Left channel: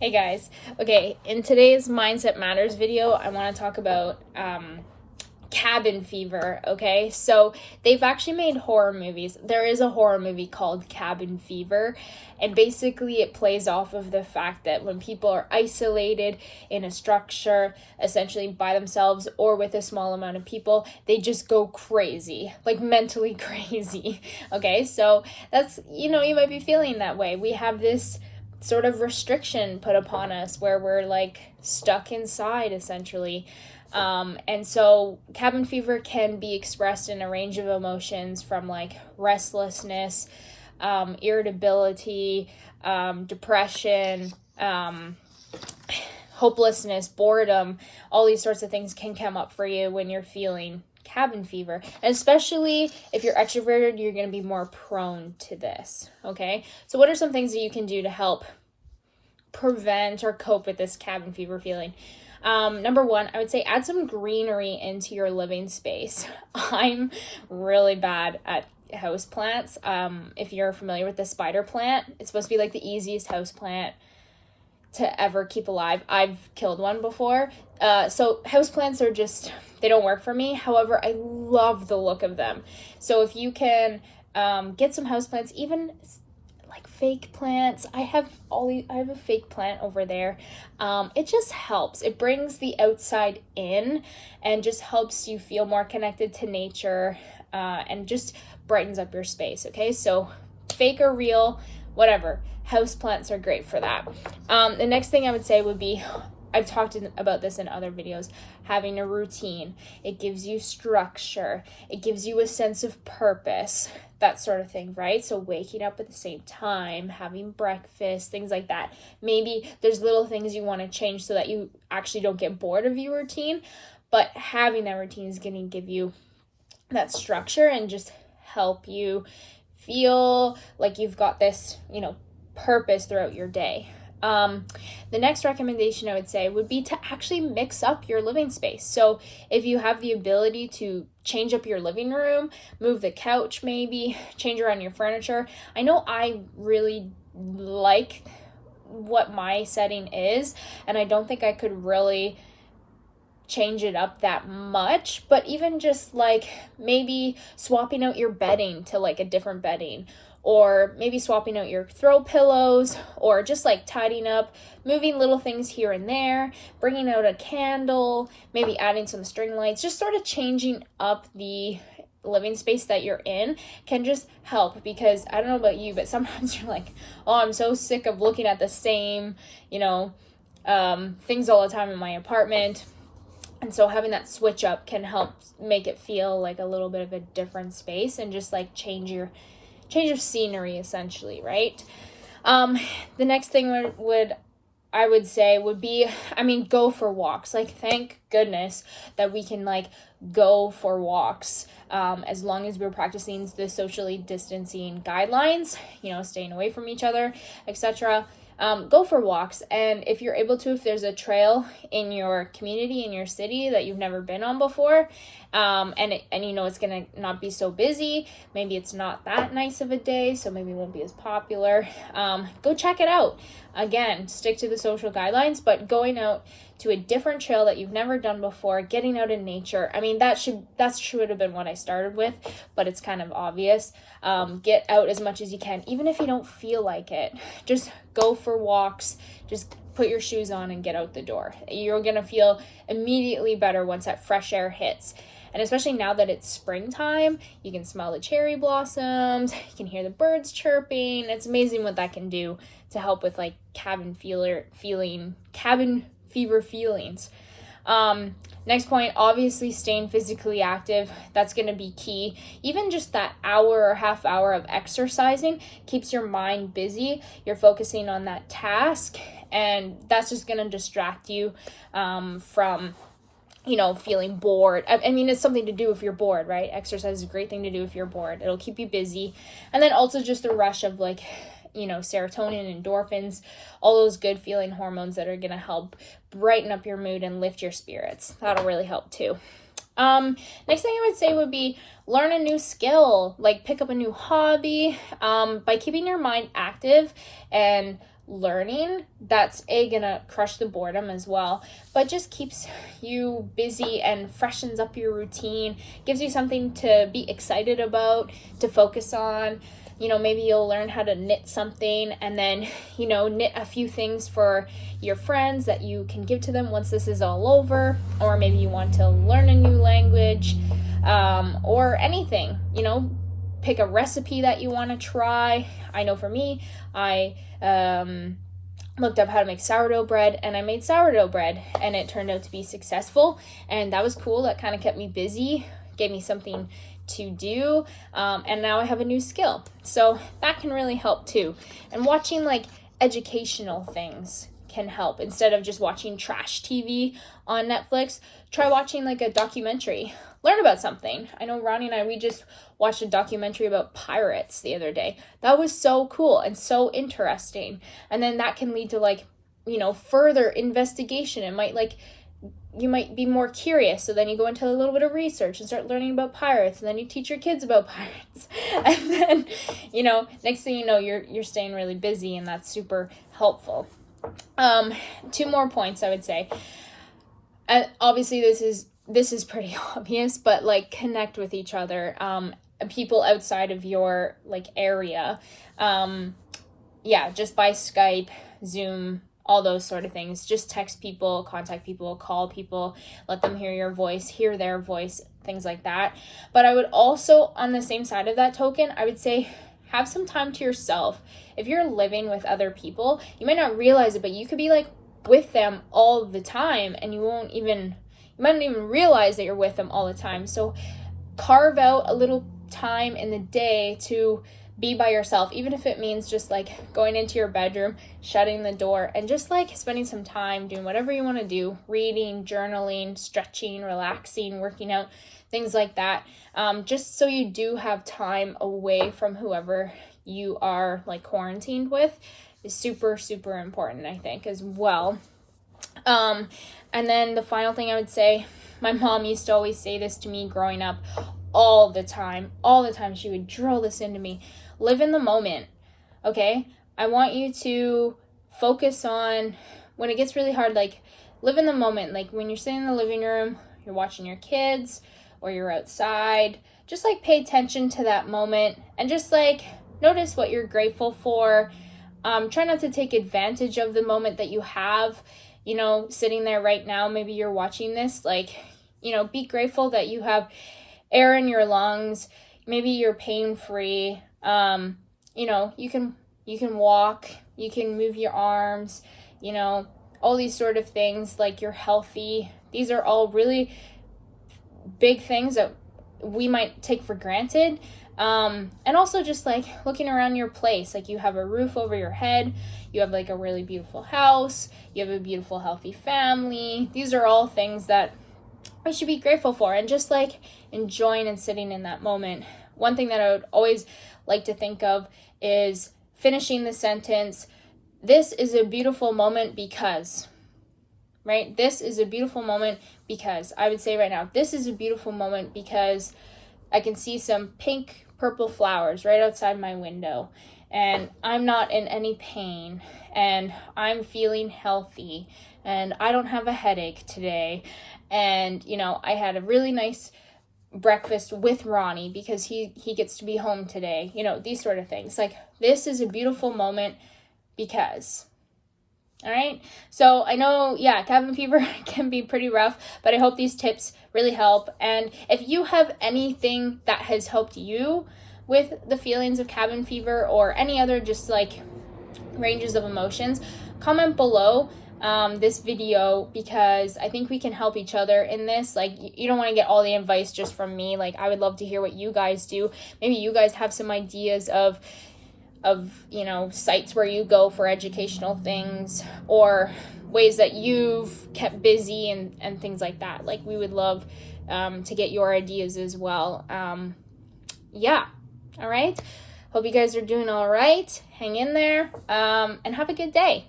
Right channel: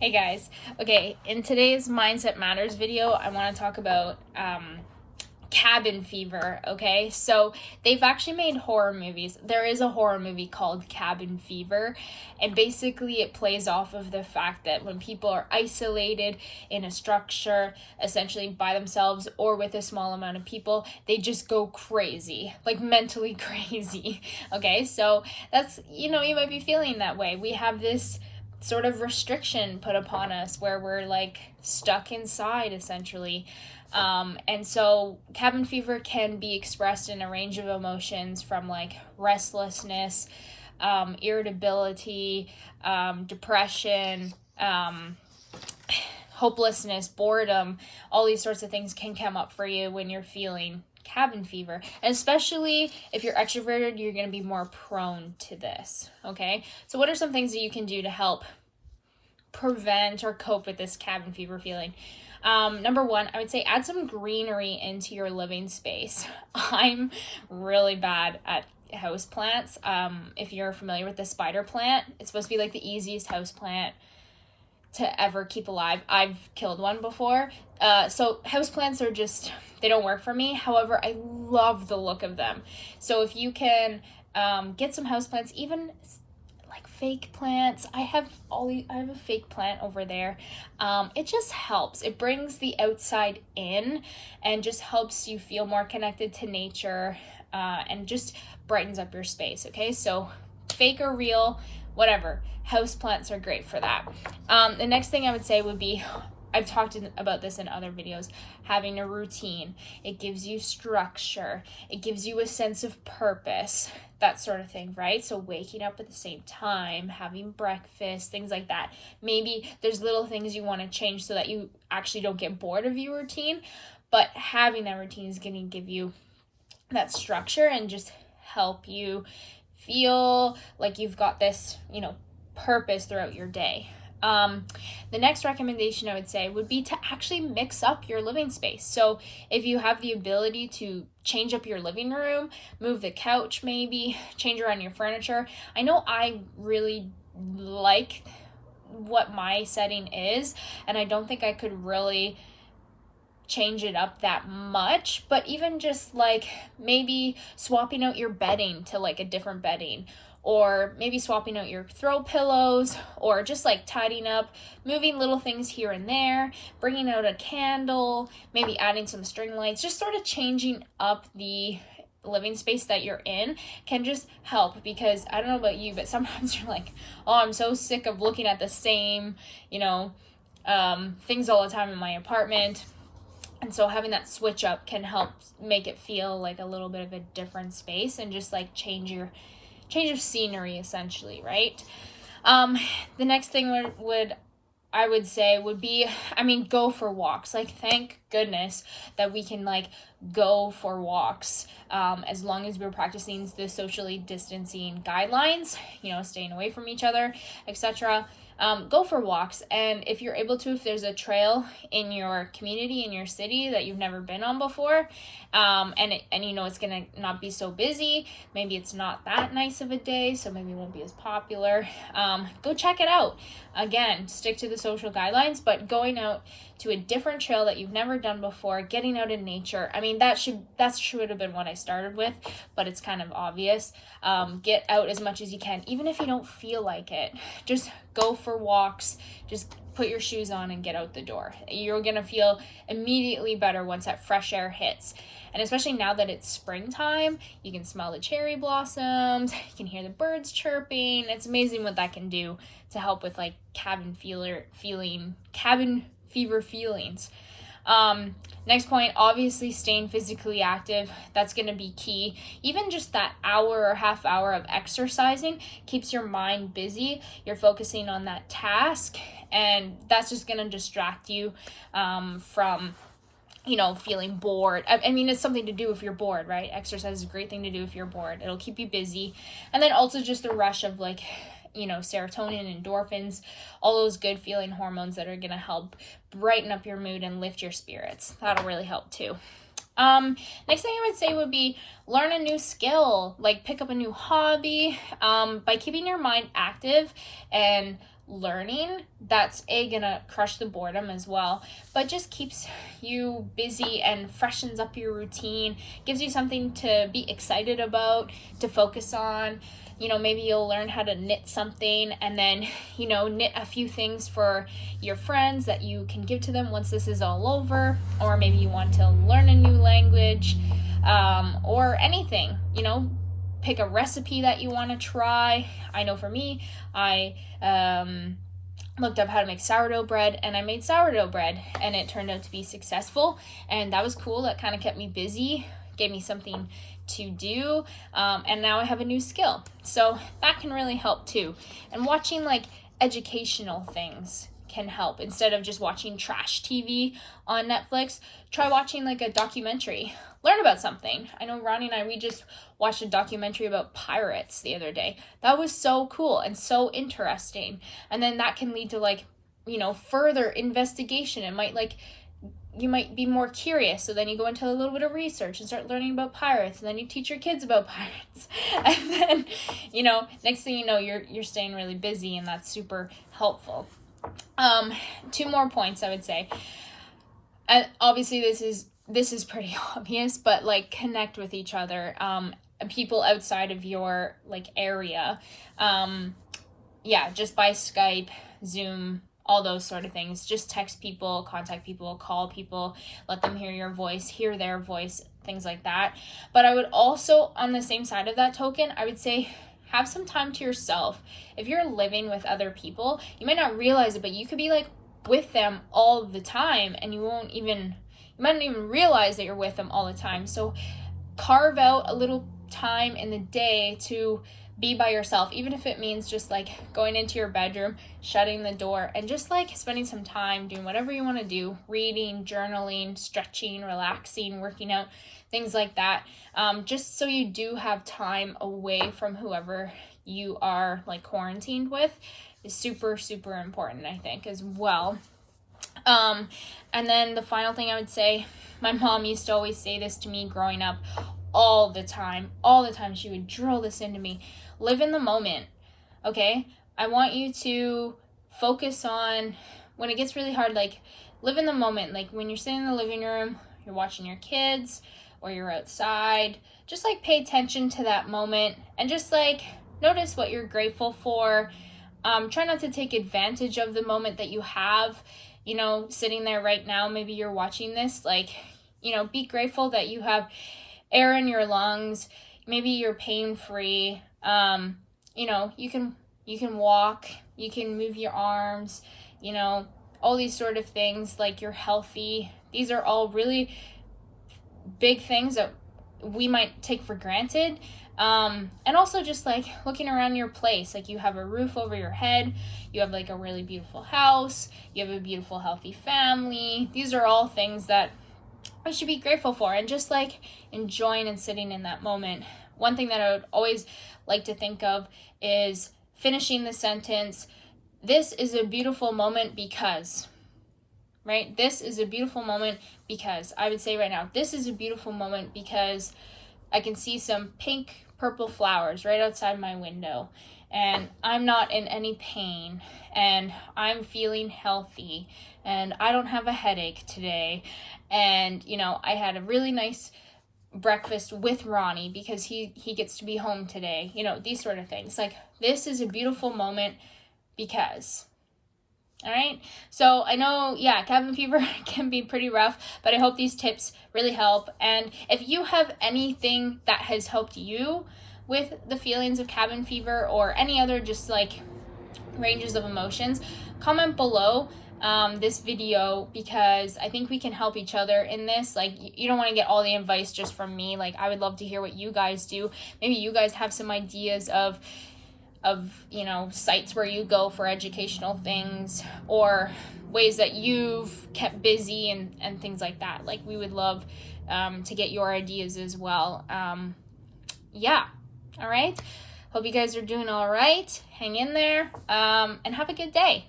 Hey guys. Okay, in today's Mindset Matters video, I want to talk about cabin fever. Okay, so they've actually made horror movies. There is a horror movie called Cabin Fever, and basically it plays off of the fact that when people are isolated in a structure, essentially by themselves or with a small amount of people, they just go crazy, like mentally crazy. Okay, so that's, you might be feeling that way. We have this sort of restriction put upon us where we're like stuck inside essentially. And so cabin fever can be expressed in a range of emotions from like restlessness, irritability, depression, hopelessness, boredom. All these sorts of things can come up for you when you're feeling cabin fever. And especially if you're extroverted, you're going to be more prone to this. Okay, so what are some things that you can do to help prevent or cope with this cabin fever feeling? Number one, I would say add some greenery into your living space. I'm really bad at house plants. If you're familiar with the spider plant, it's supposed to be like the easiest house plant to ever keep alive. I've killed one before. So houseplants are just, they don't work for me. However, I love the look of them. So if you can get some houseplants, even like fake plants. I have a fake plant over there. It just helps. It brings the outside in and just helps you feel more connected to nature, and just brightens up your space. Okay, so fake or real, whatever. House plants are great for that. The next thing I would say would be, I've talked about this in other videos, having a routine. It gives you structure. It gives you a sense of purpose, that sort of thing, right? So waking up at the same time, having breakfast, things like that. Maybe there's little things you want to change so that you actually don't get bored of your routine, but having that routine is going to give you that structure and just help you feel like you've got this, purpose throughout your day. The next recommendation I would say would be to actually mix up your living space. So if you have the ability to change up your living room, move the couch, maybe change around your furniture. I know I really like what my setting is, and I don't think I could really change it up that much, but even just like maybe swapping out your bedding to like a different bedding, or maybe swapping out your throw pillows, or just like tidying up, moving little things here and there, bringing out a candle, maybe adding some string lights, just sort of changing up the living space that you're in can just help. Because I don't know about you, but sometimes you're like, oh, I'm so sick of looking at the same, things all the time in my apartment. And so having that switch up can help make it feel like a little bit of a different space and just like change of scenery essentially, right? The next thing I would say would be, go for walks. Like, thank goodness that we can like go for walks, as long as we're practicing the socially distancing guidelines, staying away from each other, etc. Go for walks. And if you're able to, if there's a trail in your community, in your city that you've never been on before, and it's gonna not be so busy, maybe it's not that nice of a day, so maybe it won't be as popular, go check it out. Again, stick to the social guidelines, but going out to a different trail that you've never done before, getting out in nature. That should have been what I started with, but it's kind of obvious. Get out as much as you can, even if you don't feel like it. Just go for walks, just put your shoes on and get out the door. You're gonna feel immediately better once that fresh air hits. And especially now that it's springtime, you can smell the cherry blossoms, you can hear the birds chirping. It's amazing what that can do to help with like cabin fever feelings. Next point, obviously staying physically active. That's going to be key. Even just that hour or half hour of exercising keeps your mind busy. You're focusing on that task, and that's just going to distract you from feeling bored. It's something to do if you're bored, right? Exercise is a great thing to do if you're bored. It'll keep you busy. And then also just the rush of like, serotonin, endorphins, all those good feeling hormones that are going to help brighten up your mood and lift your spirits. That'll really help too. Next thing I would say would be learn a new skill, like pick up a new hobby. By keeping your mind active and learning, that's gonna crush the boredom as well, but just keeps you busy and freshens up your routine, gives you something to be excited about, to focus on. Maybe you'll learn how to knit something, and then, knit a few things for your friends that you can give to them once this is all over. Or maybe you want to learn a new language, or anything, pick a recipe that you want to try. I know for me, I looked up how to make sourdough bread, and I made sourdough bread, and it turned out to be successful, and that was cool. That kind of kept me busy, gave me something to do, and now I have a new skill, so that can really help too. And watching like educational things can help. Instead of just watching trash TV on Netflix, try watching like a documentary. Learn about something. I know Ronnie and I, we just watched a documentary about pirates the other day. That was so cool and so interesting. And then that can lead to like, further investigation. It might you might be more curious, so then you go into a little bit of research and start learning about pirates, and then you teach your kids about pirates, and then next thing you know, you're staying really busy, and that's super helpful. 2 more points I would say, and obviously this is pretty obvious, but like connect with each other, people outside of your like area, just by Skype, Zoom, all those sort of things. Just text people, contact people, call people, let them hear your voice, hear their voice, things like that. But I would also, on the same side of that token, I would say have some time to yourself. If you're living with other people, you might not realize it, but you could be like with them all the time, and you might not even realize that you're with them all the time. So carve out a little time in the day to be by yourself, even if it means just like going into your bedroom, shutting the door, and just like spending some time doing whatever you want to do, reading, journaling, stretching, relaxing, working out, things like that. Just so you do have time away from whoever you are like quarantined with is super, super important, I think, as well. And then the final thing I would say, my mom used to always say this to me growing up all the time. She would drill this into me. Live in the moment, okay? I want you to focus on, when it gets really hard, like, live in the moment. Like, when you're sitting in the living room, you're watching your kids, or you're outside, just, like, pay attention to that moment, and just, like, notice what you're grateful for. Try not to take advantage of the moment that you have, sitting there right now. Maybe you're watching this, like, be grateful that you have air in your lungs. Maybe you're pain-free. You can walk, you can move your arms, all these sort of things, like you're healthy. These are all really big things that we might take for granted. And also just like looking around your place, like you have a roof over your head, you have like a really beautiful house, you have a beautiful, healthy family. These are all things that I should be grateful for, and just like enjoying and sitting in that moment. One thing that I would always like to think of is finishing the sentence, this is a beautiful moment because, right? This is a beautiful moment because, I would say right now, this is a beautiful moment because I can see some pink, purple flowers right outside my window, and I'm not in any pain, and I'm feeling healthy, and I don't have a headache today, and, I had a really nice breakfast with Ronnie because he gets to be home today, these sort of things. Like, this is a beautiful moment because, all right? So I know, cabin fever can be pretty rough, but I hope these tips really help. And if you have anything that has helped you with the feelings of cabin fever or any other just like ranges of emotions, comment below this video, because I think we can help each other in this. Like, you don't want to get all the advice just from me. Like, I would love to hear what you guys do. Maybe you guys have some ideas of sites where you go for educational things, or ways that you've kept busy and things like that. Like, we would love to get your ideas as well. All right. Hope you guys are doing all right. Hang in there, and have a good day.